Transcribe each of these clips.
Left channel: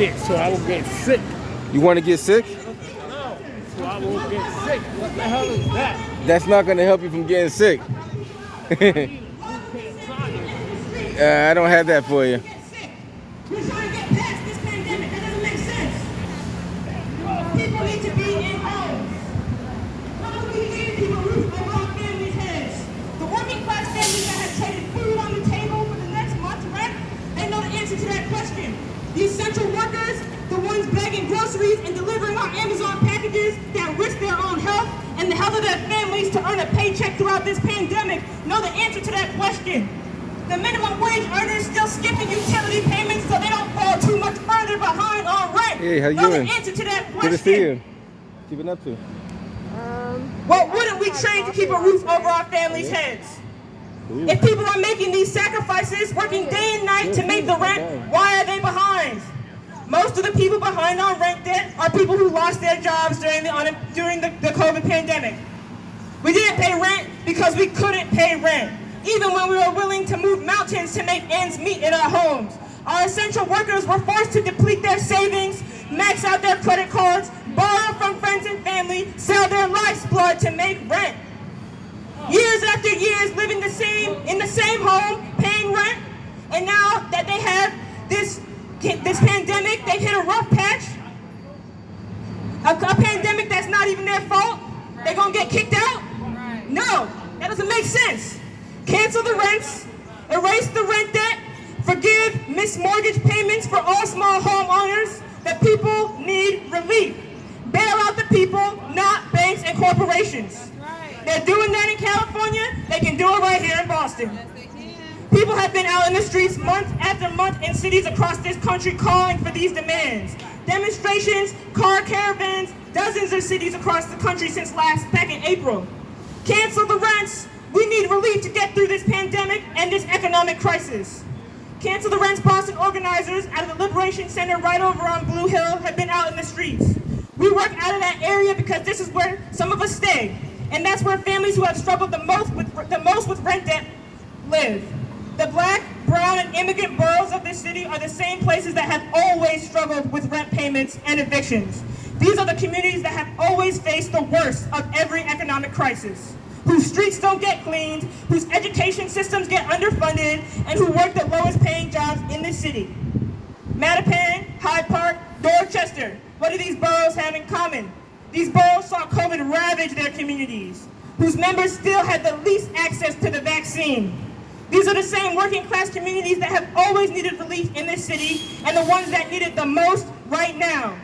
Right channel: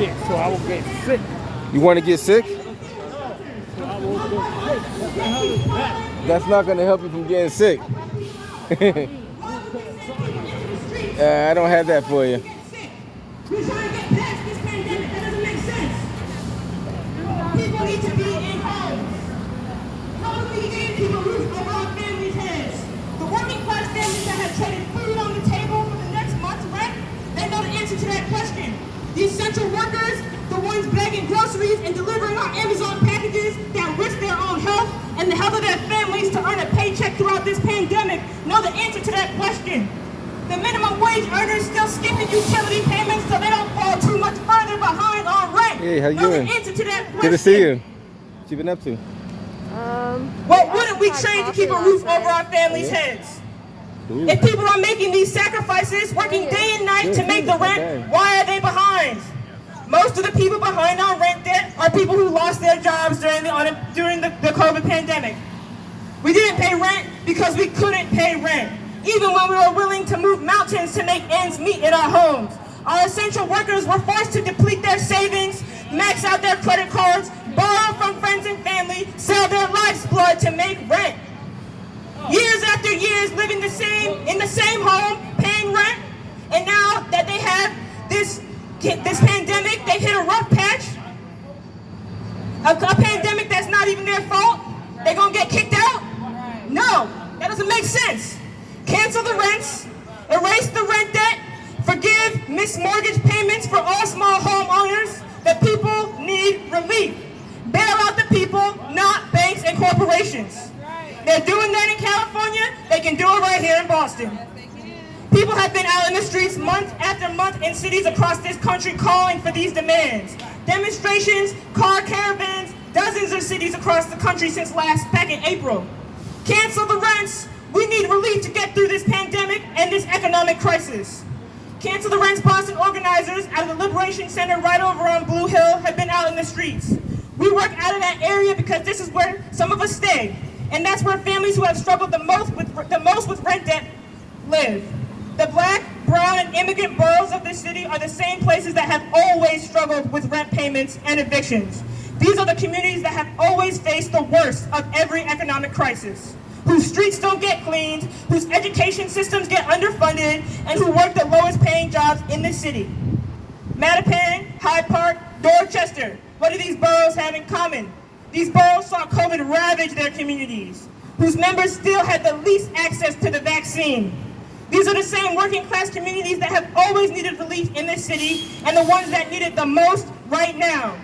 shit, so I will get sick. You want to get sick? So I will get sick. What the hell is that? That's not going to help you from getting sick. I don't have that for you. We're trying to get past this pandemic. That doesn't make sense. People need to be in homes. How would we give people roof over our families' heads? The working class families that have traded food on the table for the next month's rent, they know the answer to that question. The essential workers, the ones bagging groceries and delivering our Amazon packages that risk their own health and the health of their families to earn a paycheck throughout this pandemic, know the answer to that question. The minimum wage earners still skipping utility payments so they don't fall too much further behind on rent. Hey, how you doing? The answer to that question. Good to see you. What you been up to? What wouldn't we trade to keep a roof over our families' heads? Ooh. If people are making these sacrifices, working day and night to make the rent, why are they behind? Most of the people behind on rent debt are people who lost their jobs during the COVID pandemic. We didn't pay rent because we couldn't pay rent, even when we were willing to move mountains to make ends meet in our homes. Our essential workers were forced to deplete their savings, max out their credit cards, borrow from friends and family, sell their life's blood to make rent. Years after years living in the same home, paying rent, and now that they have this pandemic, they hit a rough patch, a pandemic that's not even their fault, they're gonna get kicked out? No, that doesn't make sense. Cancel the rents, erase the rent debt, forgive missed mortgage payments for all small homeowners. The people need relief. Bail out the people, not banks and corporations. They're doing that in California, they can do it right here in Boston. People have been out in the streets month after month in cities across this country calling for these demands. Demonstrations, car caravans, dozens of cities across the country since back in April. Cancel the rents. We need relief to get through this pandemic and this economic crisis. Cancel the Rents Boston organizers out of the Liberation Center right over on Blue Hill have been out in the streets. We work out of that area because this is where some of us stay, and that's where families who have struggled the most with rent debt live. The Black, brown, and immigrant boroughs of this city are the same places that have always struggled with rent payments and evictions. These are the communities that have always faced the worst of every economic crisis, whose streets don't get cleaned, whose education systems get underfunded, and who work the lowest paying jobs in the city. Mattapan, Hyde Park, Dorchester, what do these boroughs have in common? These boroughs saw COVID ravage their communities, whose members still had the least access to the vaccine. These are the same working class communities that have always needed relief in this city and the ones that need it the most right now.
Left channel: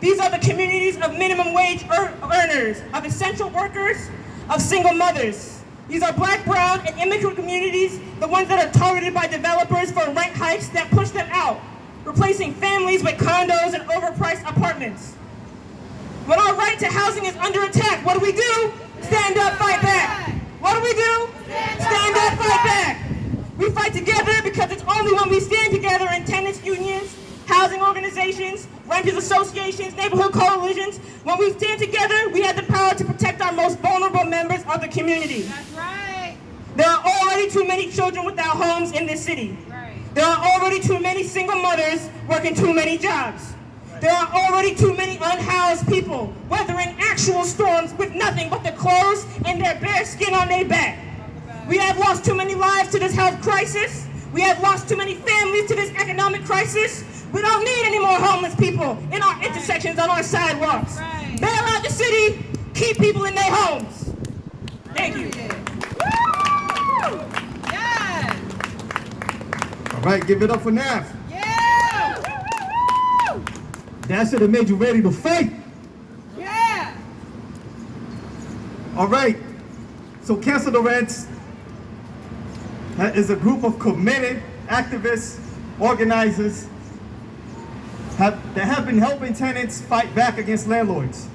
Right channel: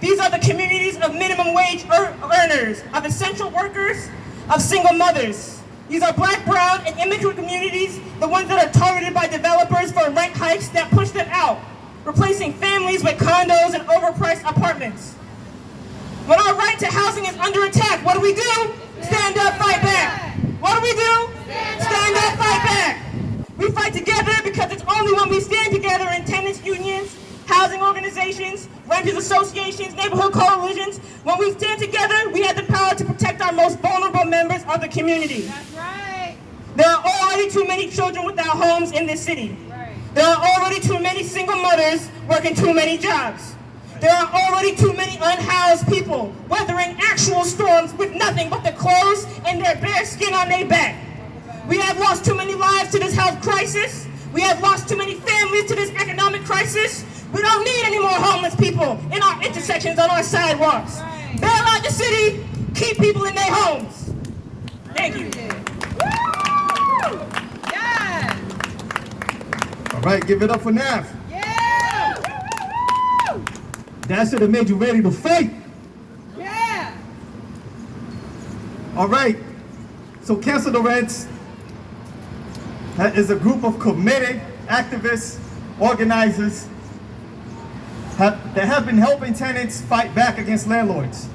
These are the communities of minimum wage earners, of essential workers, of single mothers. These are Black, brown, and immigrant communities, the ones that are targeted by developers for rent hikes that push them out, replacing families with condos and overpriced apartments. When our right to housing is under attack, what do? Stand up, fight back. What do? Stand up, fight back. We fight together because it's only when we stand together in tenants unions, housing organizations, renters associations, neighborhood coalitions. When we stand together, we have the power to protect our most vulnerable members of the community. That's right. There are already too many children without homes in this city. Right. There are already too many single mothers working too many jobs. There are already too many unhoused people weathering actual storms with nothing but the clothes and their bare skin on their back. We have lost too many lives to this health crisis. We have lost too many families to this economic crisis. We don't need any more homeless people in our intersections, on our sidewalks. Right. Bail out the city, keep people in their homes. Thank you. Yeah. All right, give it up for Nav. Yeah. That should have made you ready to fight. Yeah. All right, so Cancel the Rents is a group of committed activists, organizers that have been helping tenants fight back against landlords.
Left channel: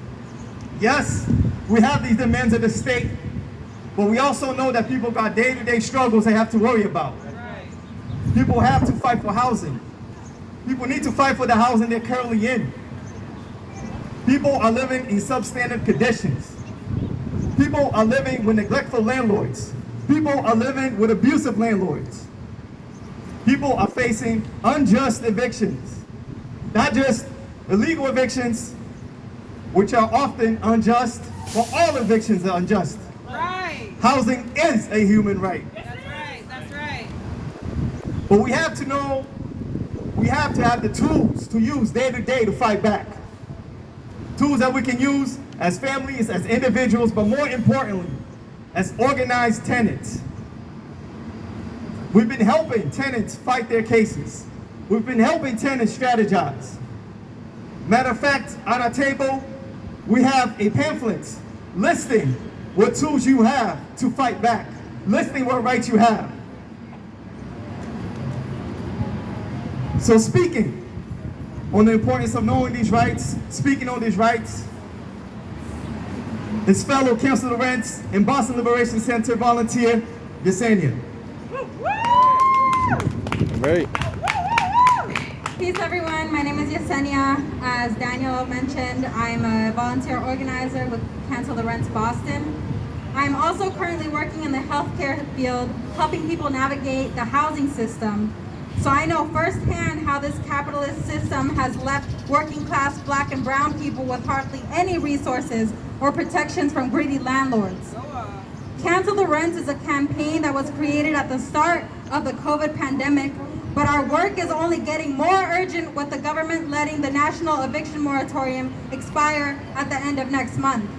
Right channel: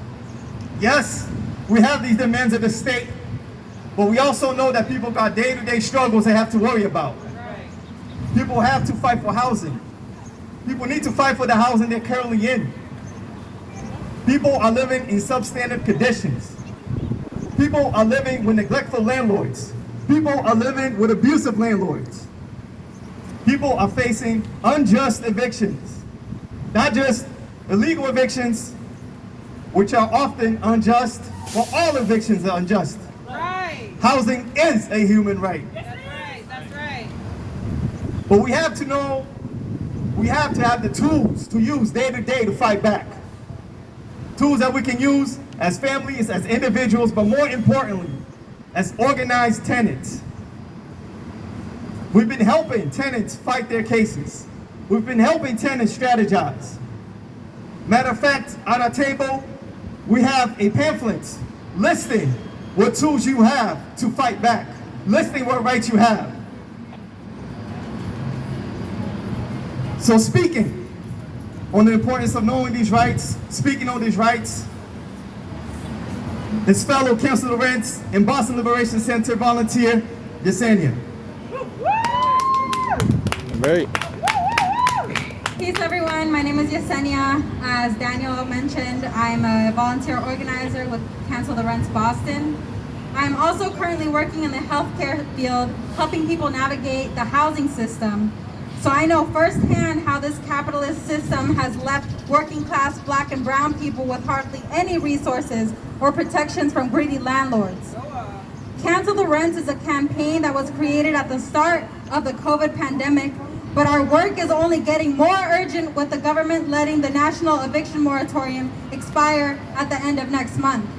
Yes, we have these demands of the state, but we also know that people got day-to-day struggles they have to worry about. Right. People have to fight for housing. People need to fight for the housing they're currently in. People are living in substandard conditions. People are living with neglectful landlords. People are living with abusive landlords. People are facing unjust evictions. not just illegal evictions, which are often unjust, but all evictions are unjust. Right. Housing is a human right. That's right. That's right. But we have to know, we have to have the tools to use day to day to fight back. Tools that we can use as families, as individuals, but more importantly, as organized tenants. We've been helping tenants fight their cases. We've been helping tenants strategize. Matter of fact, on our table, we have a pamphlet listing what tools you have to fight back, listing what rights you have. So speaking on the importance of knowing these rights, speaking on these rights, his fellow Council Lawrence and Boston Liberation Center volunteer, Yesenia. Right. Peace everyone, my name is Yesenia. As Daniel mentioned, I'm a volunteer organizer with Cancel the Rents Boston. I'm also currently working in the healthcare field, helping people navigate the housing system. So I know firsthand how this capitalist system has left working class Black and brown people with hardly any resources or protections from greedy landlords. Cancel the Rents is a campaign that was created at the start of the COVID pandemic, but our work is only getting more urgent with the government letting the national eviction moratorium expire at the end of next month.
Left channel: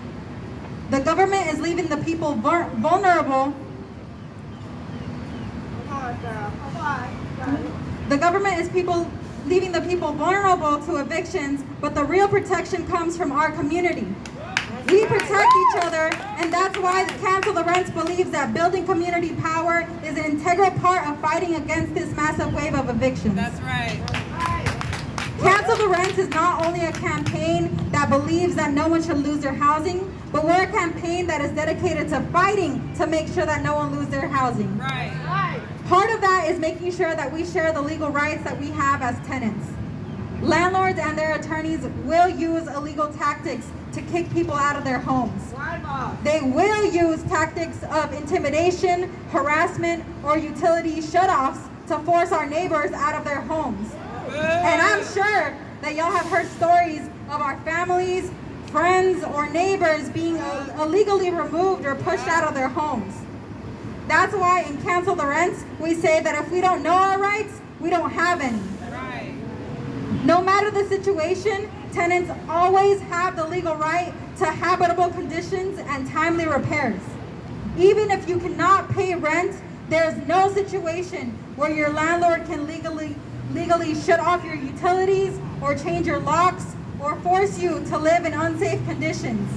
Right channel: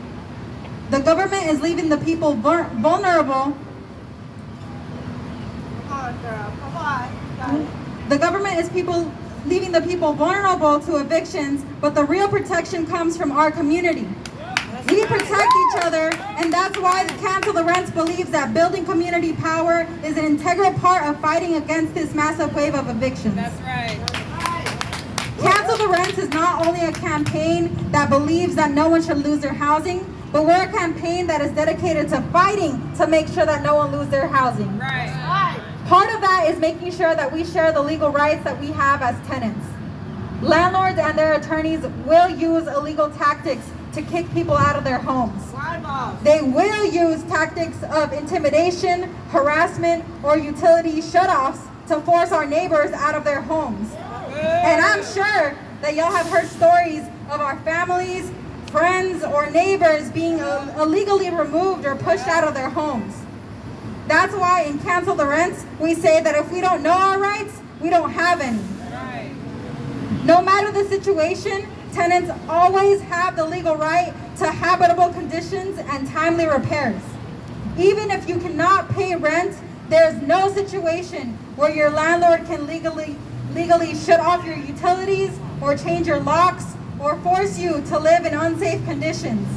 The government is leaving the people vulnerable. Come on, girl. Come on. The government is leaving the people vulnerable to evictions, but the real protection comes from our community. We protect each other, and that's why Cancel the Rents believes that building community power is an integral part of fighting against this massive wave of evictions. That's right. Cancel the Rents is not only a campaign that believes that no one should lose their housing, but we're a campaign that is dedicated to fighting to make sure that no one lose their housing. Right. Part of that is making sure that we share the legal rights that we have as tenants. Landlords and their attorneys will use illegal tactics to kick people out of their homes. They will use tactics of intimidation, harassment, or utility shutoffs to force our neighbors out of their homes. And I'm sure that y'all have heard stories of our families, friends, or neighbors being illegally removed or pushed out of their homes. That's why in Cancel the Rents, we say that if we don't know our rights, we don't have any. No matter the situation, tenants always have the legal right to habitable conditions and timely repairs. Even if you cannot pay rent, there's no situation where your landlord can legally shut off your utilities or change your locks or force you to live in unsafe conditions.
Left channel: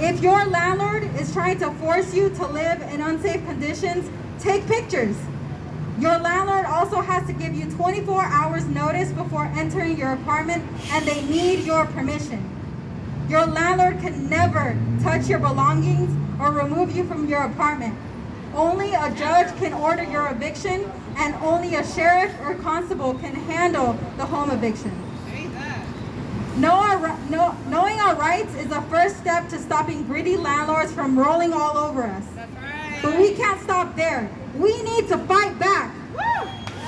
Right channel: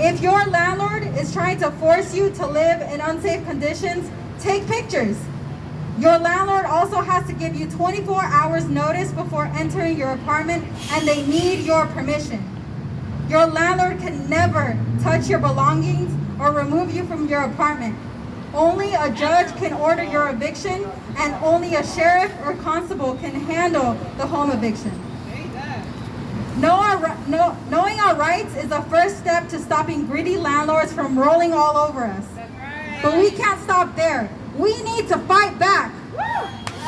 If your landlord is trying to force you to live in unsafe conditions, take pictures. Your landlord also has to give you 24 hours notice before entering your apartment, and they need your permission. Your landlord can never touch your belongings or remove you from your apartment. Only a judge can order your eviction, and only a sheriff or constable can handle the home eviction. Knowing our rights is the first step to stopping greedy landlords from rolling all over us. But we can't stop there. We need to fight back.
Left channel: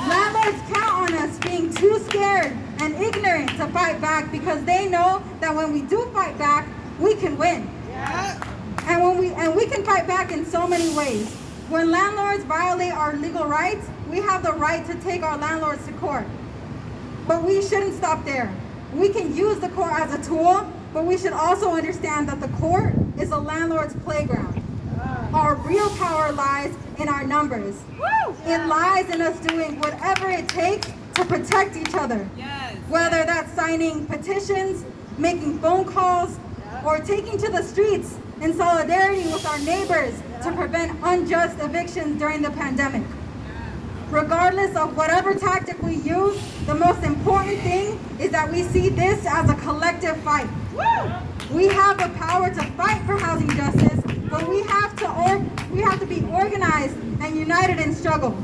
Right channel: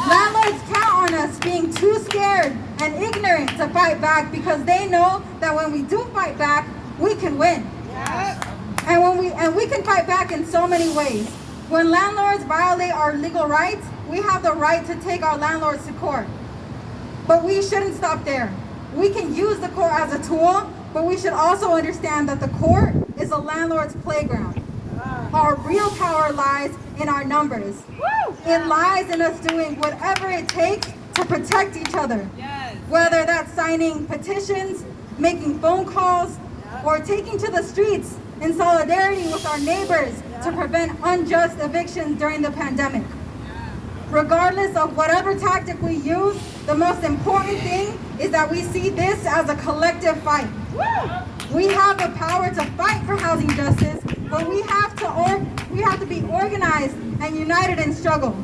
Landlords count on us being too scared and ignorant to fight back because they know that when we do fight back, we can win. And we can fight back in so many ways. When landlords violate our legal rights, we have the right to take our landlords to court. But we shouldn't stop there. We can use the court as a tool, but we should also understand that the court is a landlord's playground. Our real power lies in our numbers. It lies in us doing whatever it takes to protect each other. Whether that's signing petitions, making phone calls, or taking to the streets in solidarity with our neighbors to prevent unjust evictions during the pandemic. Regardless of whatever tactic we use, the most important thing is that we see this as a collective fight. We have the power to fight for housing justice, but we have to be organized and united in struggle.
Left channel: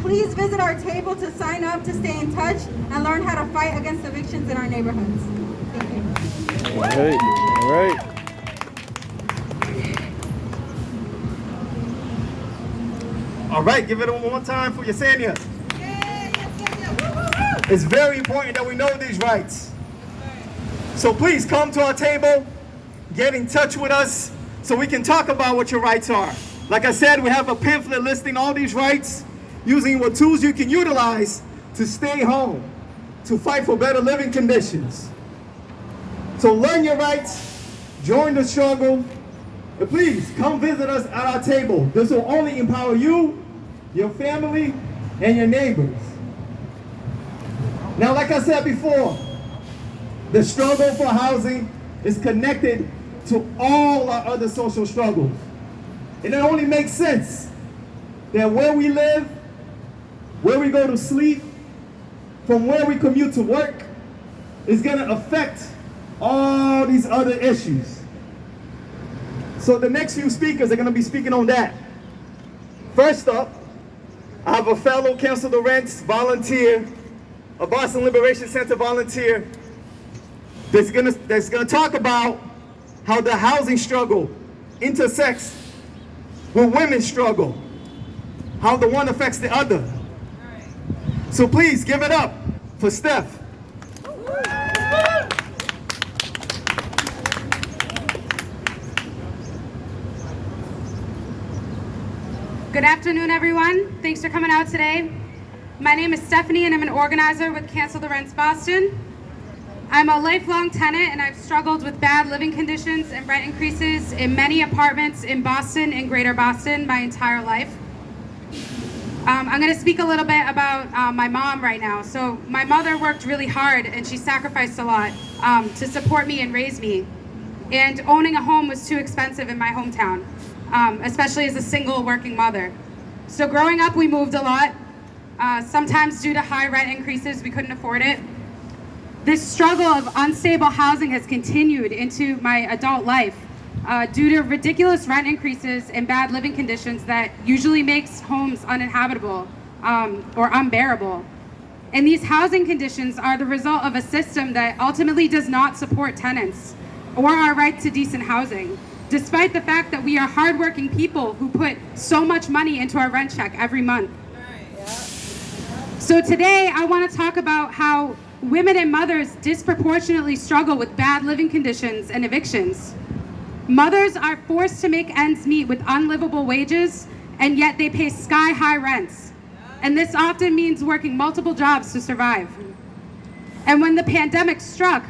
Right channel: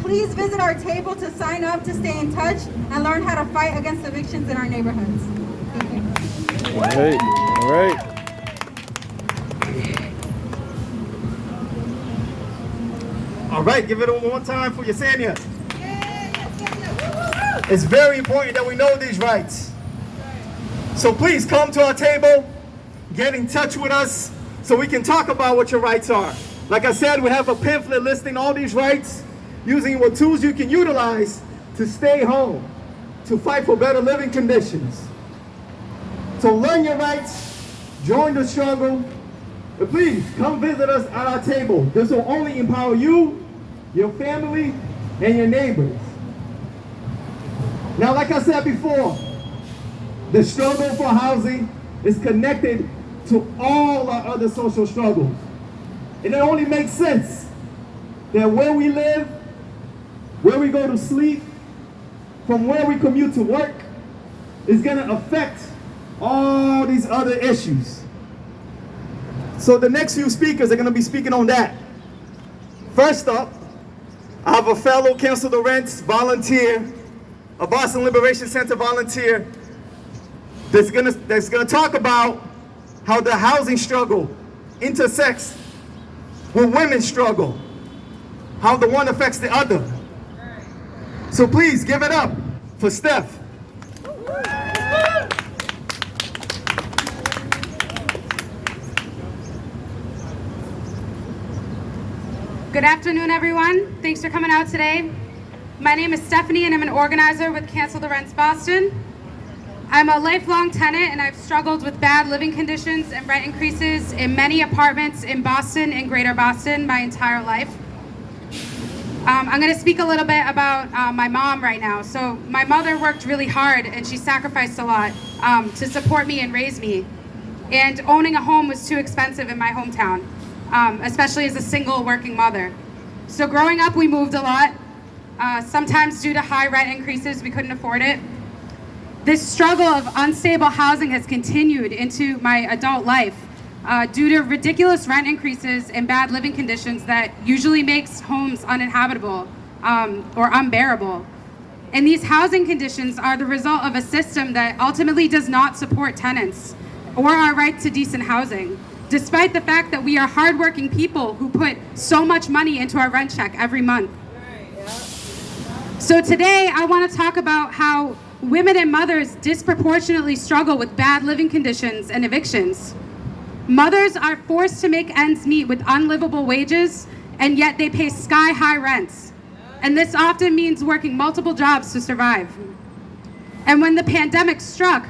Please visit our table to sign up to stay in touch and learn how to fight against evictions in our neighborhoods. Thank you. All right. All right, give it one more time for Yesenia. It's very important that we know these rights. So please come to our table, get in touch with us so we can talk about what your rights are. Like I said, we have a pamphlet listing all these rights, using what tools you can utilize to stay home, to fight for better living conditions. So learn your rights, join the struggle, and please come visit us at our table. This will only empower you, your family, and your neighbors. Now, like I said before, the struggle for housing is connected to all our other social struggles. And it only makes sense that where we live, where we go to sleep, from where we commute to work, is going to affect all these other issues. So the next few speakers are going to be speaking on that. First up, I have a fellow Cancel the Rents volunteer, a Boston Liberation Center volunteer, that's gonna talk about how the housing struggle intersects with women's struggle, how the one affects the other. So please give it up for Steph. Good afternoon, everyone. Thanks for coming out today. My name is Stephanie, and I'm an organizer with Cancel the Rents Boston. I'm a lifelong tenant, and I've struggled with bad living conditions and rent increases in many apartments in Boston and Greater Boston my entire life. I'm going to speak a little bit about my mom right now. So my mother worked really hard, and she sacrificed a lot to support me and raise me. And owning a home was too expensive in my hometown, especially as a single working mother. So growing up, we moved a lot. Sometimes due to high rent increases, we couldn't afford it. This struggle of unstable housing has continued into my adult life due to ridiculous rent increases and bad living conditions that usually makes homes uninhabitable or unbearable. And these housing conditions are the result of a system that ultimately does not support tenants or our right to decent housing, despite the fact that we are hardworking people who put so much money into our rent check every month. So today I want to talk about how women and mothers disproportionately struggle with bad living conditions and evictions. Mothers are forced to make ends meet with unlivable wages, and yet they pay sky-high rents. And this often means working multiple jobs to survive. And when the pandemic struck,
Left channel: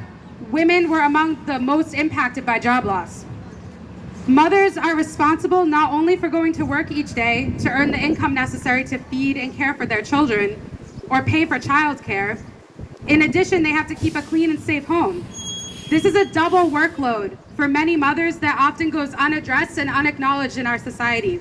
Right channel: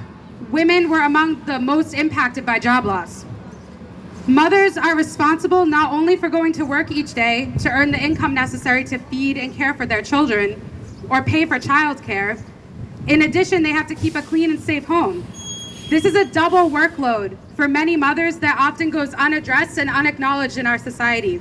women were among the most impacted by job loss. Mothers are responsible not only for going to work each day to earn the income necessary to feed and care for their children or pay for childcare. In addition, they have to keep a clean and safe home. This is a double workload for many mothers that often goes unaddressed and unacknowledged in our society.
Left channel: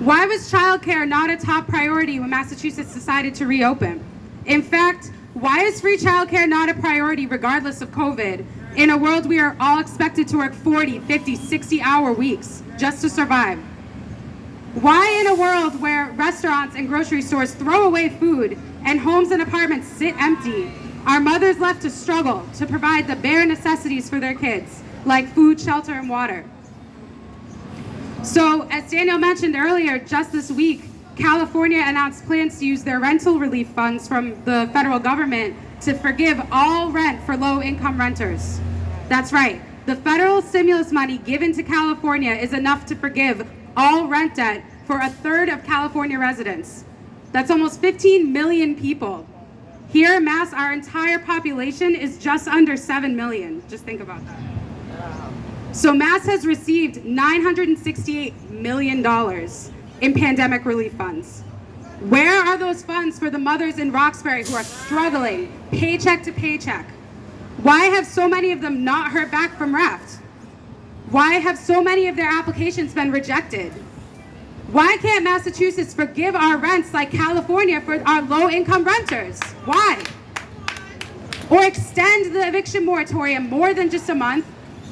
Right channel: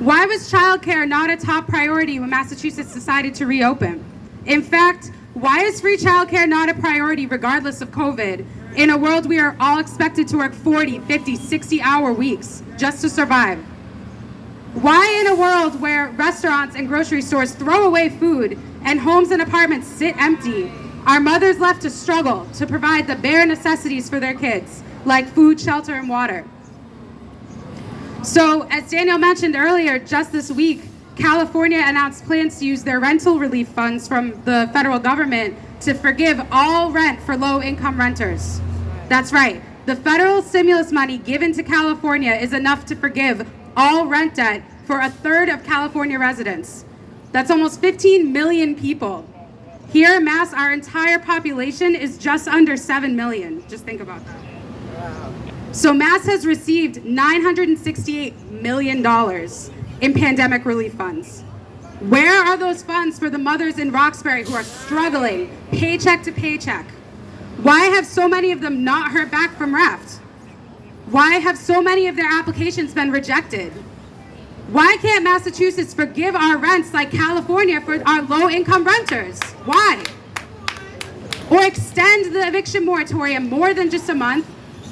Why was childcare not a top priority when Massachusetts decided to reopen? In fact, why is free childcare not a priority regardless of COVID? In a world we are all expected to work 40, 50, 60-hour weeks just to survive. Why in a world where restaurants and grocery stores throw away food and homes and apartments sit empty, are mothers left to struggle to provide the bare necessities for their kids, like food, shelter, and water? So, as Daniel mentioned earlier, just this week, California announced plans to use their rental relief funds from the federal government to forgive all rent for low-income renters. That's right. The federal stimulus money given to California is enough to forgive all rent debt for a third of California residents. That's almost 15 million people. Here in Mass, our entire population is just under 7 million. Just think about that. So Mass has received $968 million in pandemic relief funds. Where are those funds for the mothers in Roxbury who are struggling paycheck to paycheck? Why have so many of them not heard back from RAFT? Why have so many of their applications been rejected? Why can't Massachusetts forgive our rents like California for our low-income renters? Why? Or extend the eviction moratorium more than just a month,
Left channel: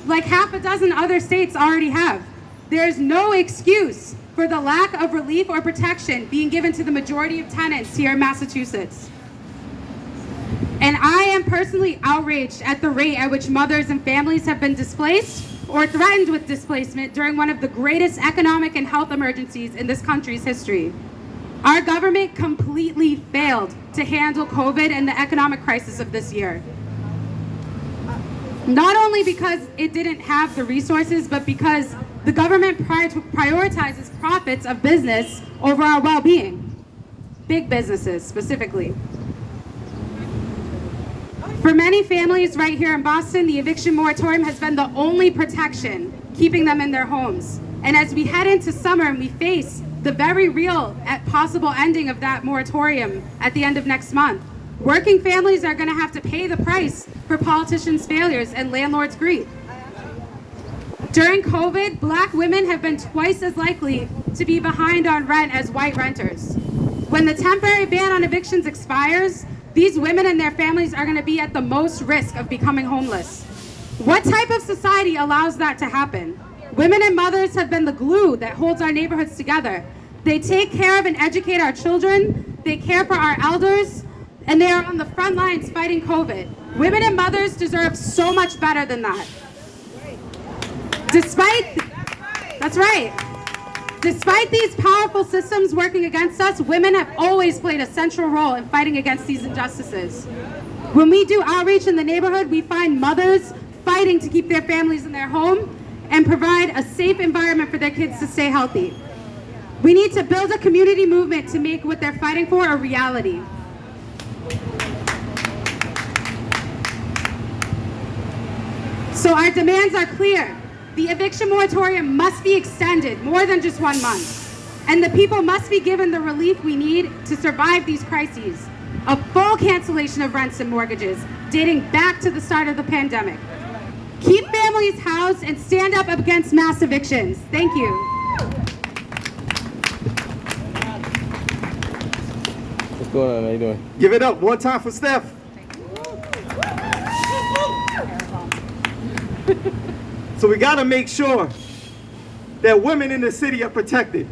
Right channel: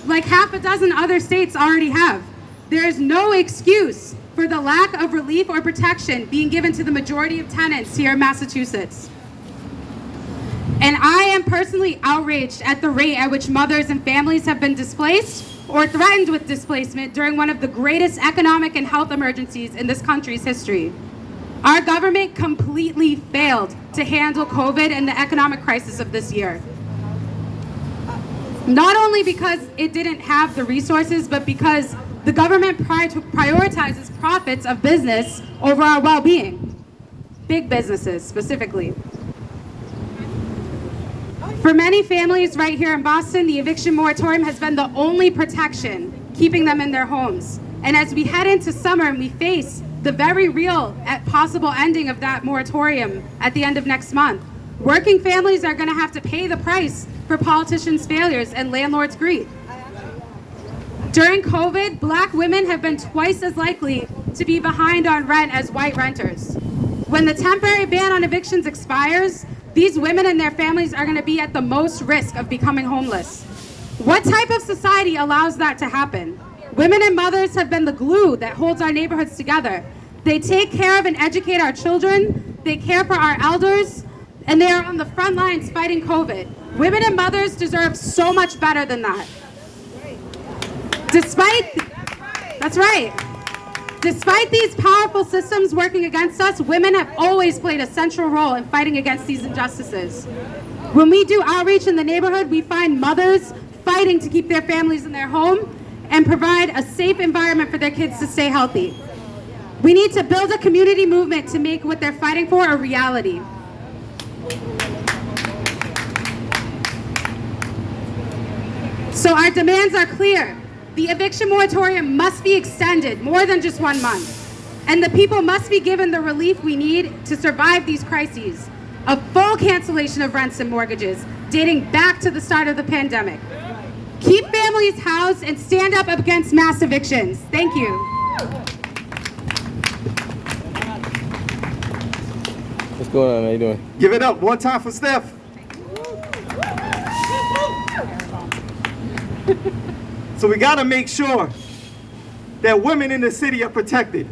like half a dozen other states already have. There is no excuse for the lack of relief or protection being given to the majority of tenants here in Massachusetts. And I am personally outraged at the rate at which mothers and families have been displaced or threatened with displacement during one of the greatest economic and health emergencies in this country's history. Our government completely failed to handle COVID and the economic crisis of this year. Not only because it didn't have the resources, but because the government prioritizes profits of business over our well-being. Big businesses, specifically. For many families right here in Boston, the eviction moratorium has been the only protection keeping them in their homes. And as we head into summer and we face the very real possible ending of that moratorium at the end of next month, working families are going to have to pay the price for politicians' failures and landlords' greed. During COVID, Black women have been twice as likely to be behind on rent as white renters. When the temporary ban on evictions expires, these women and their families are going to be at the most risk of becoming homeless. What type of society allows that to happen? Women and mothers have been the glue that holds our neighborhoods together. They take care of and educate our children, they care for our elders, and they are on the front lines fighting COVID. Women and mothers deserve so much better than that. Despite these powerful systems working against us, women have always played a central role in fighting against these injustices. When we do outreach in the neighborhood, we find mothers fighting to keep their families in their home and provide a safe environment for their kids to stay healthy. We need to build a community movement to make what they're fighting for a reality. So our demands are clear. The eviction moratorium must be extended more than just 1 month. And the people must be given the relief we need to survive these crises. A full cancellation of rents and mortgages dating back to the start of the pandemic. Keep families housed and stand up against mass evictions. Thank you. What's going on? How you doing? Give it up one time for Steph. So we got to make sure that women in the city are protected.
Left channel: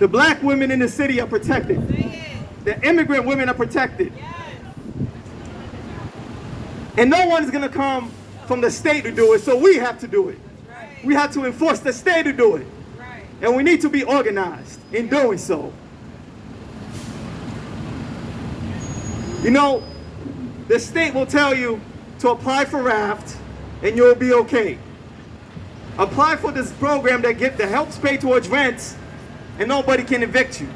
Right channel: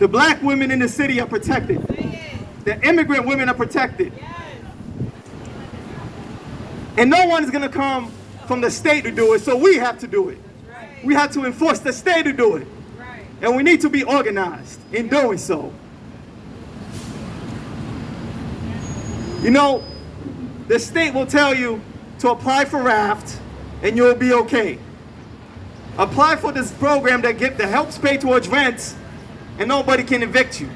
The Black women in the city are protected. The immigrant women are protected. And no one's going to come from the state to do it, so we have to do it. We have to enforce the state to do it. And we need to be organized in doing so. You know, the state will tell you to apply for RAFT and you'll be okay. Apply for this program that helps pay towards rents and nobody can evict you.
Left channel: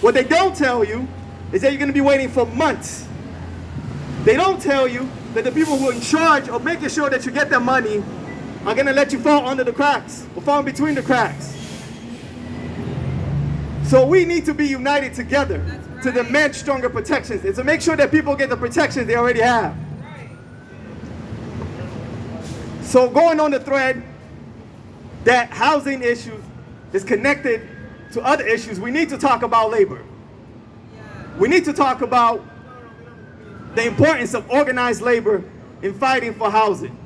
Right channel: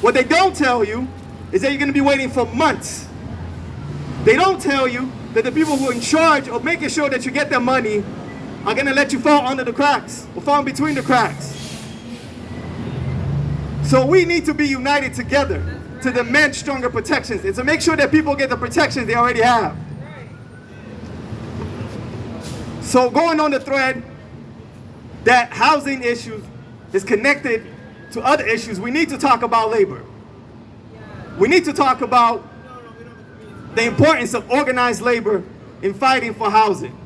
What they don't tell you is that you're going to be waiting for months. They don't tell you that the people who are in charge of making sure that you get their money are going to let you fall under the cracks or fall in between the cracks. So we need to be united together to demand stronger protections and to make sure that people get the protections they already have. So going on the thread that housing issues is connected to other issues, we need to talk about labor. We need to talk about the importance of organized labor in fighting for housing.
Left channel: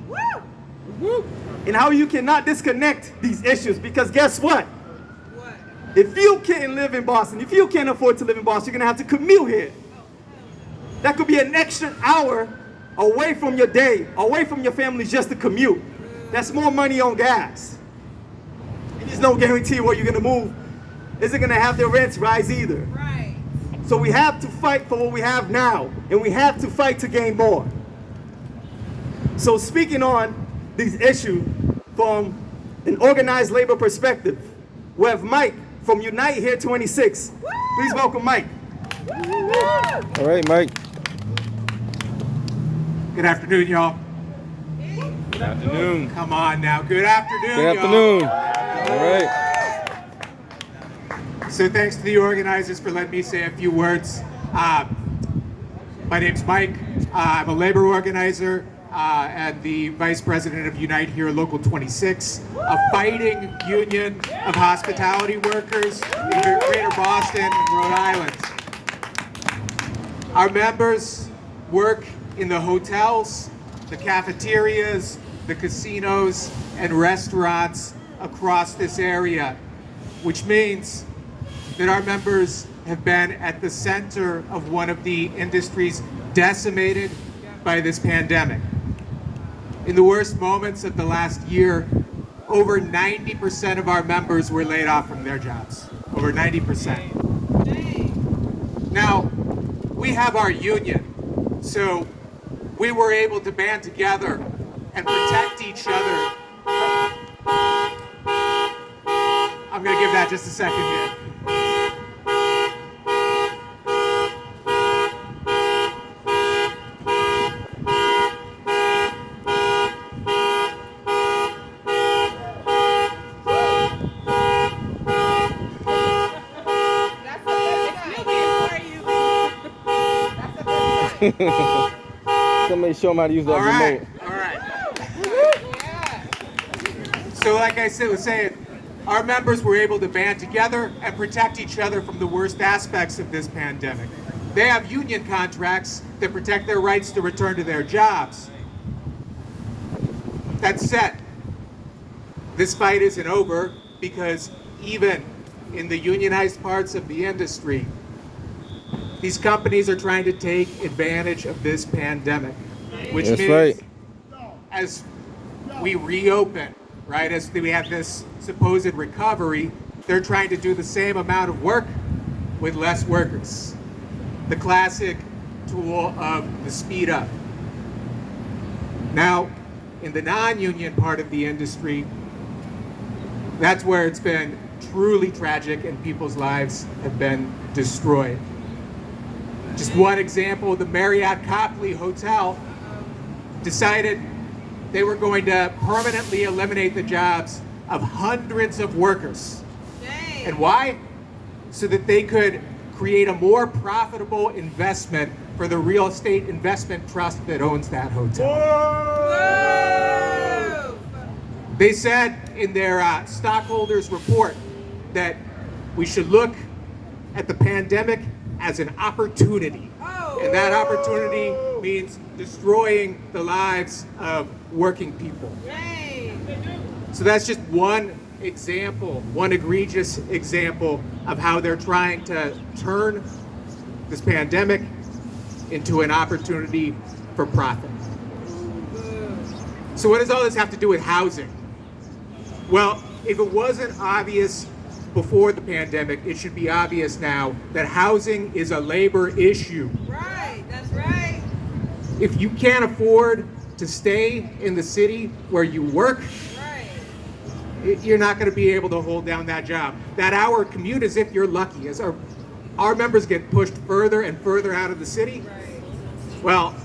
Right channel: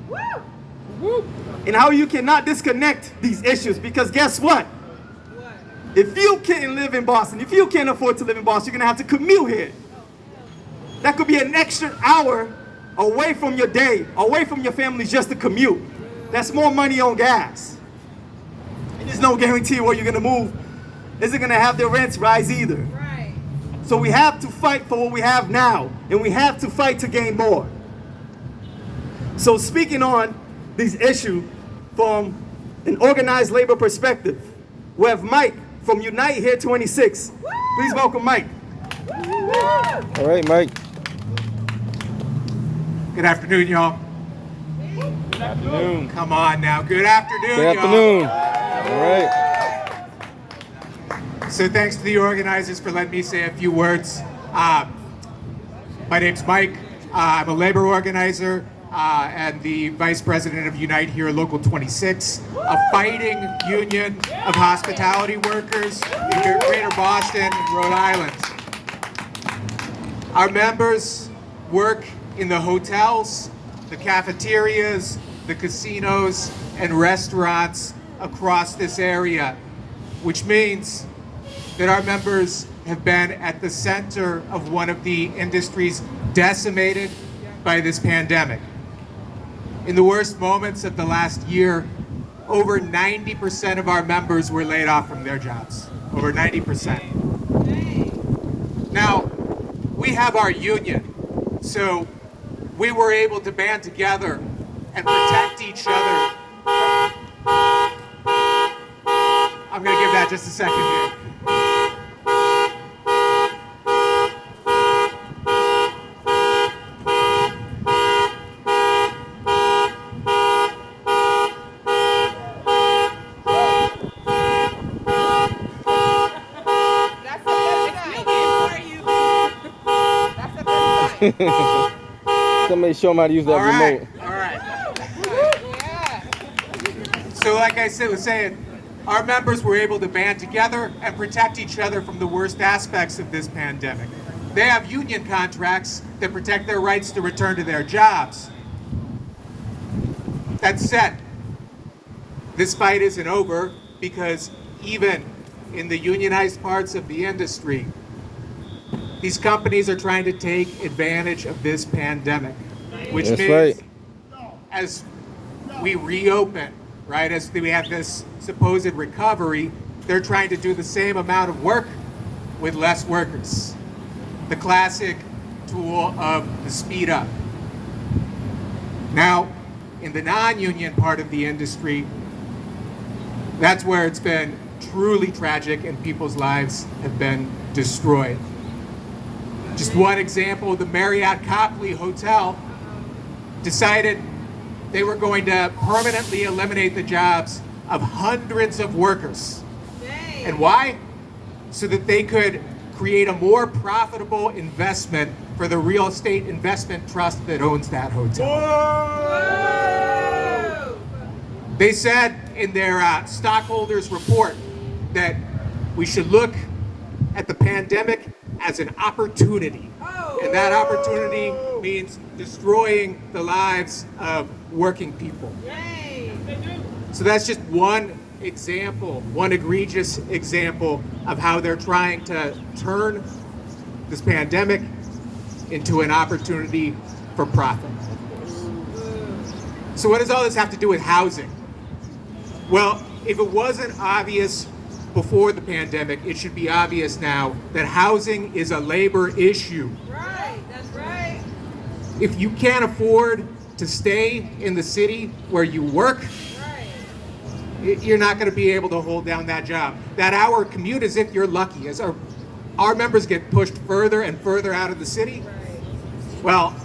And how you cannot disconnect these issues, because guess what? If you can't live in Boston, if you can't afford to live in Boston, you're gonna have to commute here. That could be an extra hour away from your day, away from your family just to commute. That's more money on gas. And there's no guarantee where you're gonna move isn't gonna have their rents rise either. Right. So we have to fight for what we have now, and we have to fight to gain more. So speaking on these issues from an organized labor perspective, we have Mike from Unite Here 26. Please welcome Mike. All right, Mike. Good afternoon, y'all. Good afternoon. Come on now. Good afternoon, Good afternoon. All right. So thanks to the organizers for letting me say a few words. My name's Mike. I'm a labor organizer and the vice president of Unite Here Local 26, a fighting union of hospitality workers in Greater Boston and Rhode Island. Our members work in the hotels, the cafeterias, the casinos, and restaurants across this area, which means that our members have been at the center of one of the industries decimated by this pandemic. In the worst moments of the last year, over 90% of our members were laid off from their jobs. Over 90%. Now, we have our union, so we were able to band together and protect each other. I'm going to give that just a second here. That's a good night. That's a good night. Somebody show them how to use that All right, remote. all right. So like I was saying, our members were able to band together and protect each other from the worst aspects of this pandemic. They have union contracts that protect their rights to return to their jobs. That said, this fight isn't over because even in the unionized parts of the industry, these companies are trying to take advantage of this pandemic, which That's means right. as we reopen, right, as we have this supposed recovery, they're trying to do the same amount of work with less workers. The classic tool of the speed up. Now, in the non-union part of the industry, that's where it's been truly tragic and people's lives have been destroyed. Just one example, the Marriott Copley Hotel decided they were going to permanently eliminate the jobs of hundreds of workers. And why? So that they could create a more profitable investment for the real estate investment trust that owns that hotel. They said in their stockholders report that we should look at the pandemic as an opportunity. And that opportunity means destroying the lives of working people. So that's just one example, one egregious example of how they're trying to turn this pandemic into an opportunity for profit. So what does all this have to do with housing? Well, if it wasn't obvious before the pandemic, it should be obvious now that housing is a labor issue. Right, that's right. If you can't afford to stay in the city where you work, you're not going to be able to hold down that job. That hour commute is if you're lucky. As our members get pushed further and further out of the city, well,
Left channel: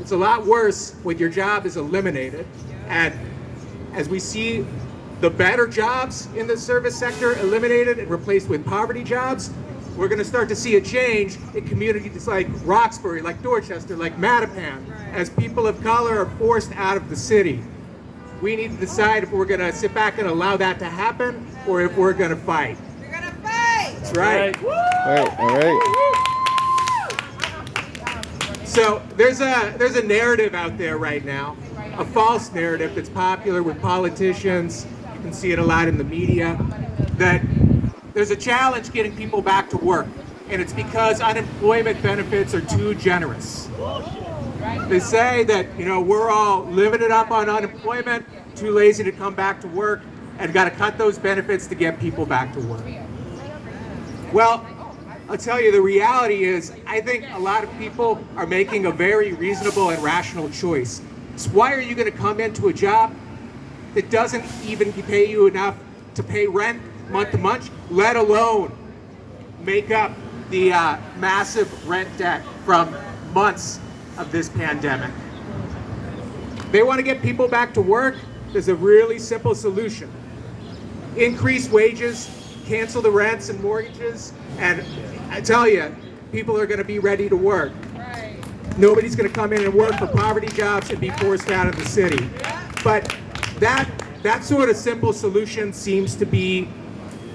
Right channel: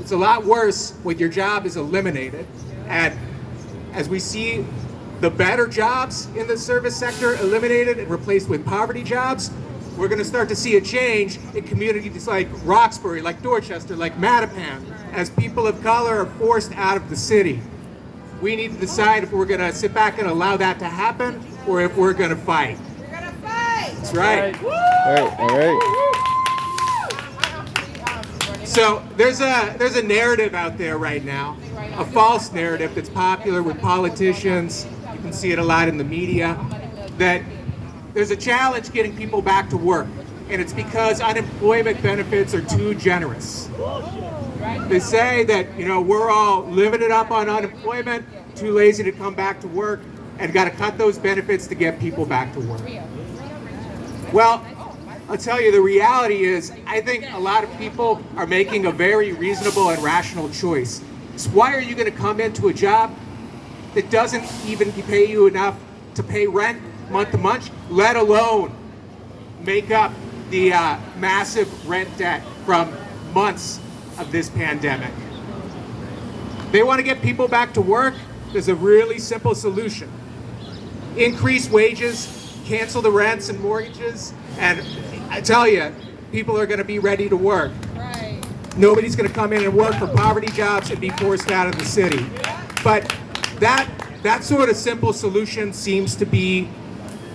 it's a lot worse when your job is eliminated. And as we see the better jobs in the service sector eliminated and replaced with poverty jobs, we're going to start to see a change in communities like Roxbury, like Dorchester, like Mattapan, as people of color are forced out of the city. We need to decide if we're going to sit back and allow that to happen or if we're going to fight. We're gonna fight. That's right. All right, all right. So there's a narrative out there right now, a false narrative that's popular with politicians. You can see it a lot in the media, that there's a challenge getting people back to work, and it's because unemployment benefits are too generous. They say that, we're all living it up on unemployment, too lazy to come back to work, and got to cut those benefits to get people back to work. Well, I'll tell you, the reality is, I think a lot of people are making a very reasonable and rational choice. So why are you going to come into a job that doesn't even pay you enough to pay rent month to month, let alone make up the massive rent debt from months of this pandemic? They want to get people back to work. There's a really simple solution. Increase wages, cancel the rents and mortgages, and I tell you, people are going to be ready to work. Nobody's going to come in and work for poverty jobs and be forced out of the city. But that sort of simple solution seems to be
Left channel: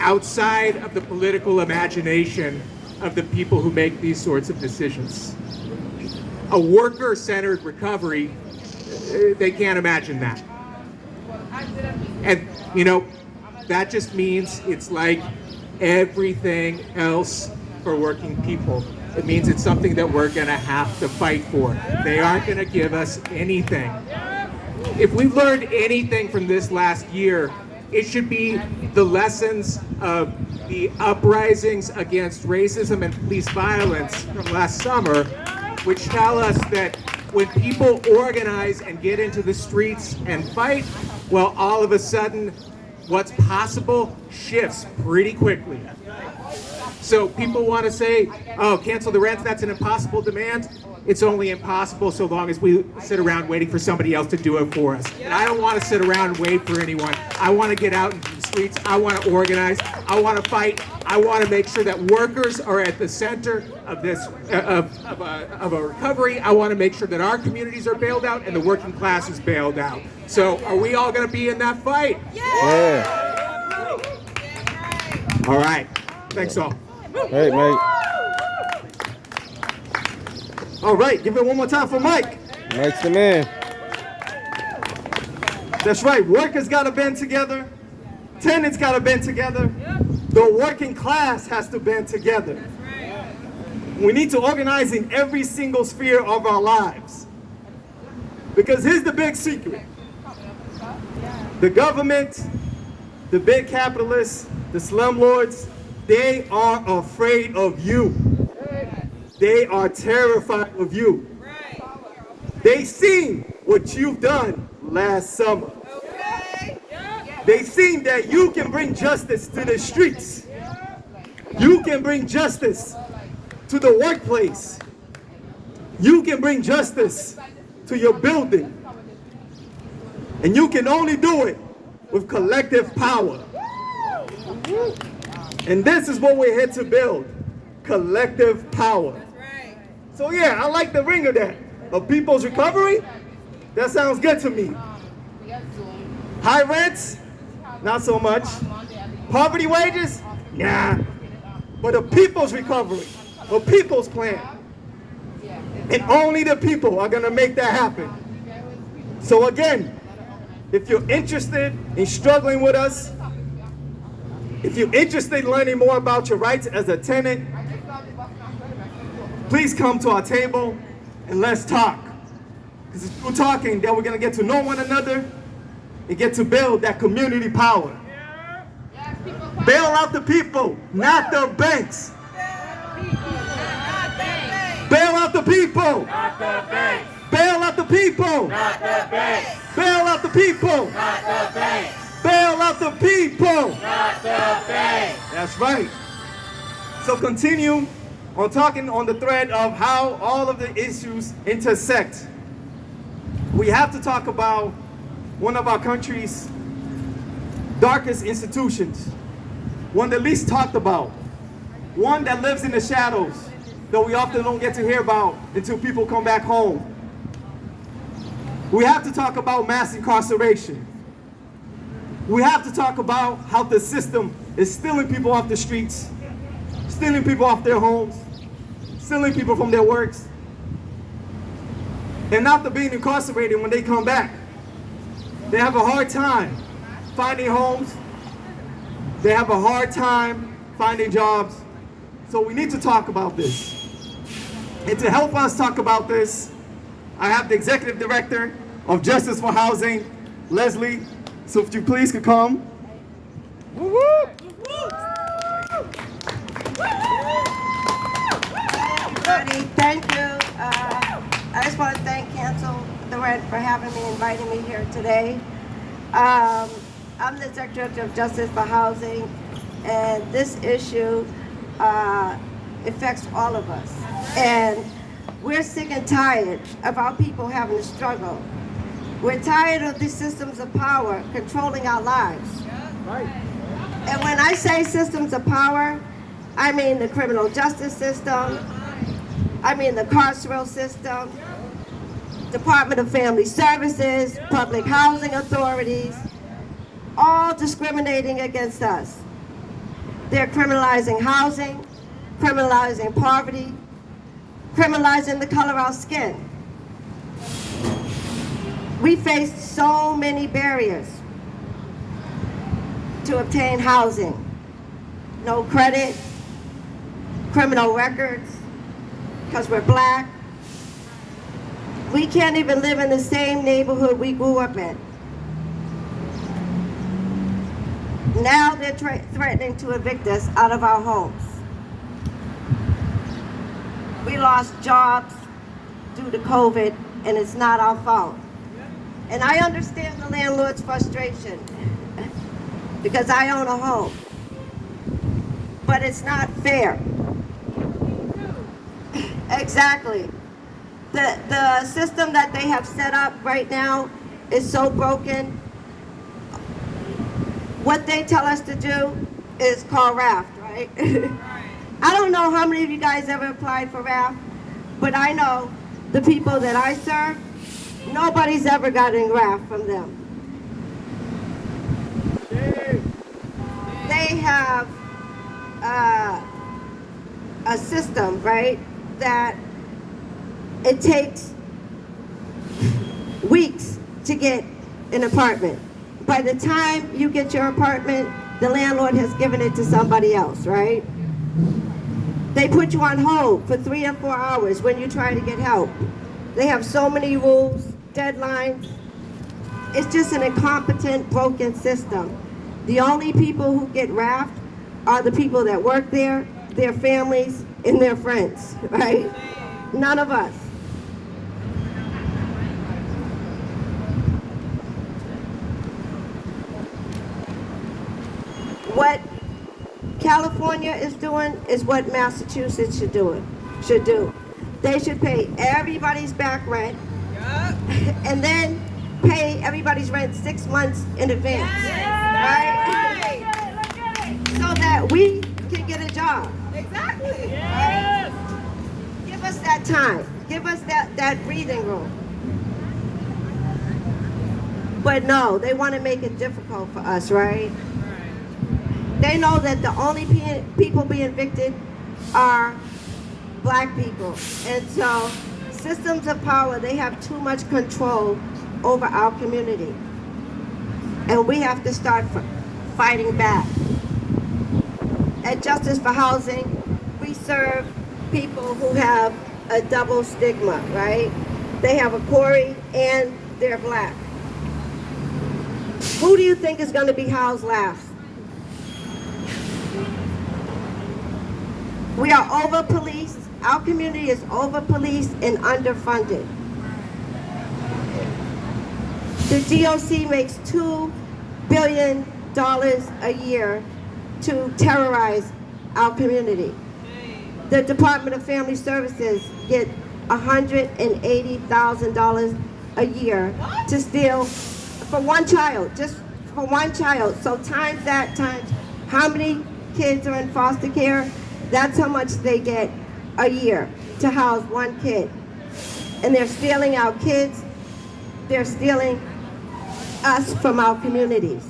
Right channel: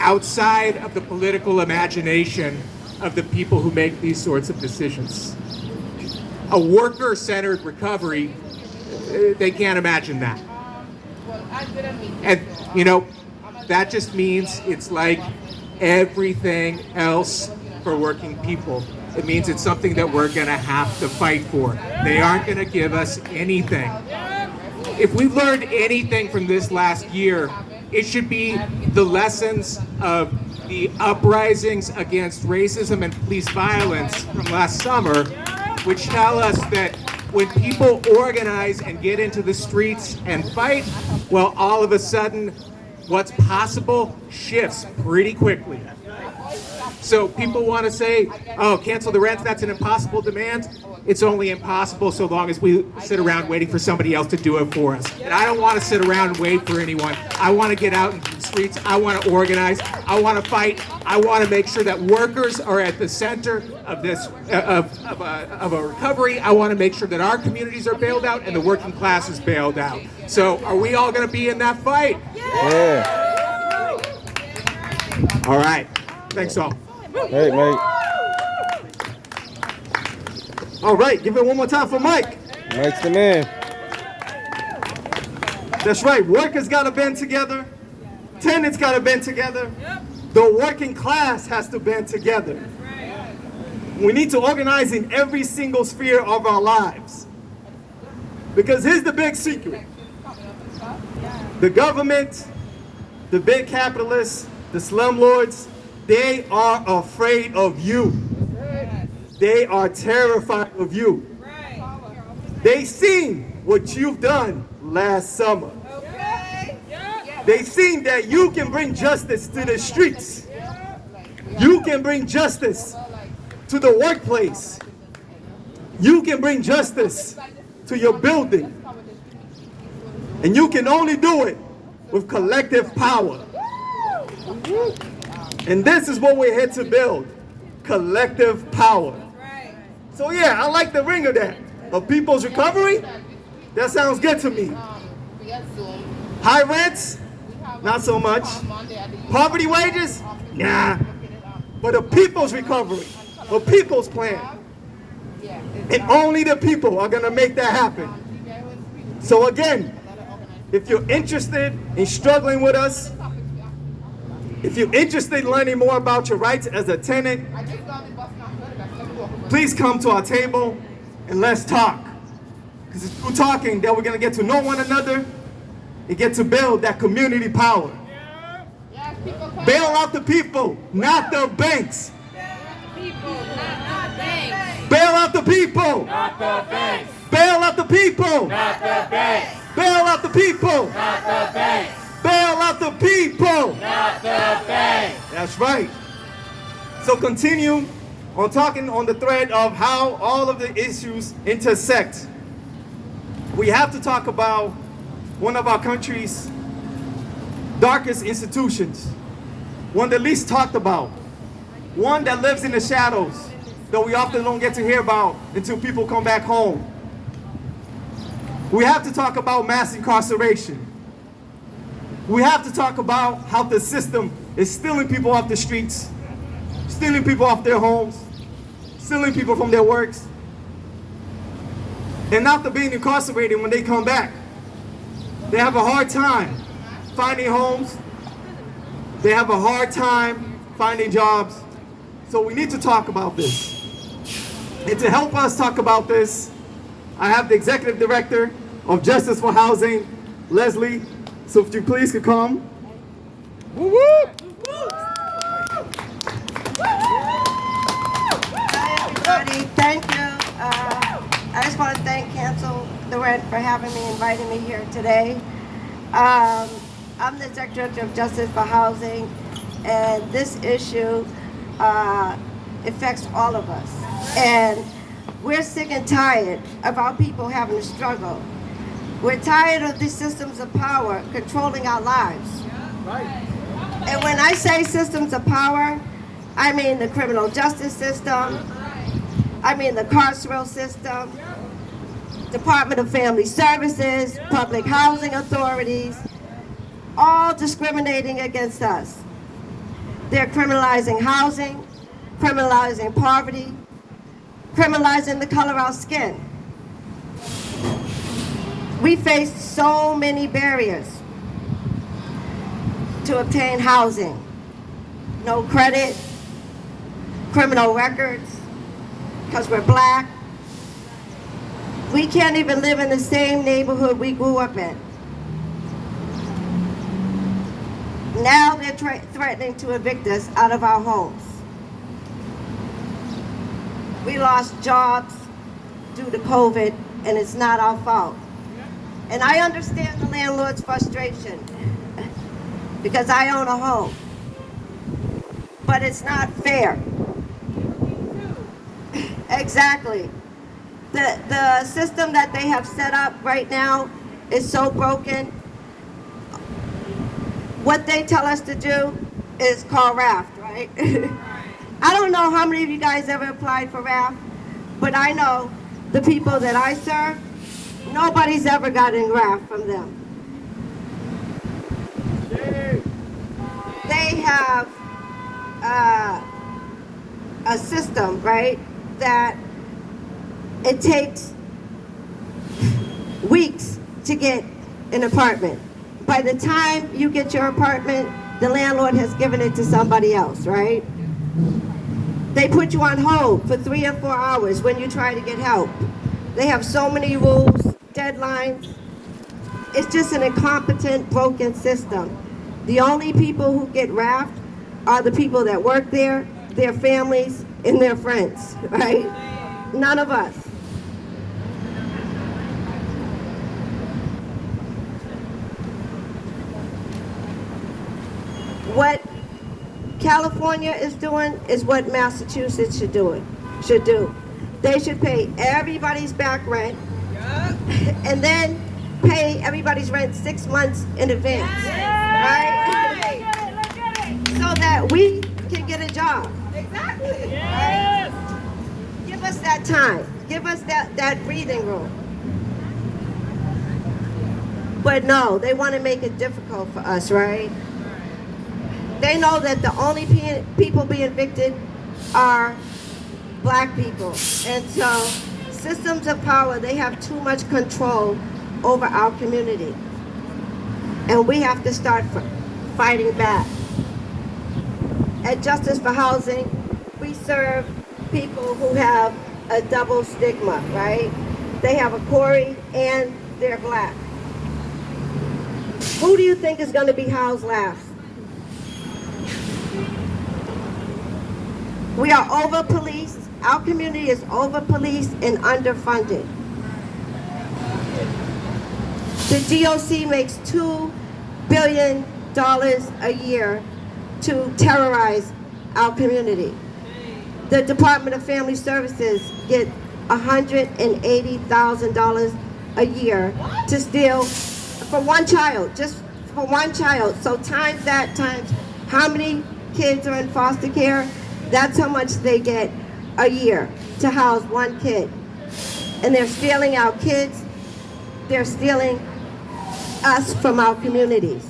outside of the political imagination of the people who make these sorts of decisions. A worker-centered recovery, they can't imagine that. And, that just means it's like everything else for working people. It means it's something that we're going to have to fight for. They aren't going to give us anything. If we've learned anything from this last year, it should be the lessons of the uprisings against racism and police violence from last summer, which tell us that when people organize and get into the streets and fight, well, all of a sudden, what's possible shifts pretty quickly. So people want to say, oh, cancel the rent, that's an impossible demand. It's only impossible so long as we sit around waiting for somebody else to do it for us. And I don't want to sit around and wait for anyone. I want to get out into the streets. I want to organize. I want to fight. I want to make sure that workers are at the center of this of a recovery. I want to make sure that our communities are bailed out and the working class is bailed out. So are we all going to be in that fight? Yeah. All right. Thanks all. Hey, mate. All right, give it one more time for Mike. Mike's the man. That's right, workers gotta band together, tenants gotta band together, the working class has to band together. We need to organize in every single sphere of our lives. Because here's the big secret. The government, the big capitalists, the slumlords, they are afraid of you. They are terrified of you. They seen what you've done last summer. They seen that you can bring justice to the streets. You can bring justice to the workplace. You can bring justice to your building. And you can only do it with collective power. And this is what we're here to build, collective power. So yeah, I like the ring of that. Of people's recovery, that sounds good to me. High rents, not so much. Poverty wages, nah. But a people's recovery, a people's plan. And only the people are gonna make that happen. So again, if you're interested in struggling with us, if you're interested in learning more about your rights as a tenant, please come to our table and let's talk. Because it's through talking that we're going to get to know one another and get to build that community power. Bail out the people, not the banks. Bail out the people. Not the banks. Bail out the people. Not the banks. Bail out the people. Not the banks. Bail out the people. Not the banks. That's right. So continue on talking on the thread of how all of the issues intersect. We have to talk about one of our country's darkest institutions, one that least talked about, one that lives in the shadows that we often don't get to hear about until people come back home. We have to talk about mass incarceration. We have to talk about how the system is stealing people off the streets, stealing people off their homes, stealing people from their works, and after being incarcerated when they come back, they have a hard time finding homes, they have a hard time finding jobs, so we need to talk about this. And to help us talk about this, I have the Executive Director of Justice for Housing, Leslie, so if you please could come. Hi, everybody. Thank you. I just want to thank Cancel the Rent for having me, inviting me here today. I'm the Secretary of Justice for Housing, and this issue affects all of us. And we're sick and tired of our people having to struggle. We're tired of the systems of power controlling our lives. And when I say systems of power, I mean the criminal justice system, I mean the carceral system, Department of Family Services, public housing authorities, all discriminating against us. They're criminalizing housing, criminalizing poverty, criminalizing the color of our skin. We face so many barriers to obtain housing. No credit, criminal records, because we're black. We can't even live in the same neighborhood we grew up in. Now they're threatening to evict us out of our homes. We lost jobs due to COVID, and it's not our fault. And I understand the landlord's frustration because I own a home. But it's not fair. Exactly. The system that they have set up right now is so broken. What they tell us to do is call RAFT, right? I don't know how many of you guys ever applied for RAFT, but I know the people that I serve, nobody's ever gotten RAFT from them. They have a system, right, that it takes weeks to get an apartment. By the time you get your apartment, the landlord has given it to somebody else, right? They put you on hold for 3 or 4 hours when you try to get help. They have so many rules, deadlines. It's just an incompetent, broken system. The only people who get RAFT are the people that work there, their families, and their friends, right? None of us. What California is doing is what Massachusetts should do. They should pay everybody's back rent and then pay everybody's rent 6 months in advance, right? So that we can get a job. Exactly. Right? Give us that time. Give us that breathing room. But no, they want to make it difficult for us, right? They know that the only people being evicted are black people. And so systems of power, they have too much control over our community. And we have to start fighting back. At Justice for Housing, we serve people who have a double stigma, right? They have a Corey and they're black. Who do you think is going to be housed last? We are over-policed. Our community is over-policed and underfunded. The DOC makes $2 billion a year to terrorize our community. The Department of Family Services get $180,000 a year to steal for one child, just for one child. So times that times how many kids are in foster care, that's how much they get a year to house one kid. And they're stealing our kids, they're stealing us from our communities.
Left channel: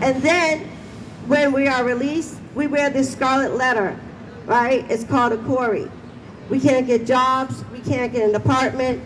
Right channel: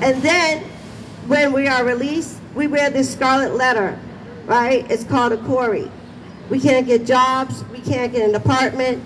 And then when we are released, we wear this scarlet letter, right? It's called a Corey. We can't get jobs, we can't get an apartment,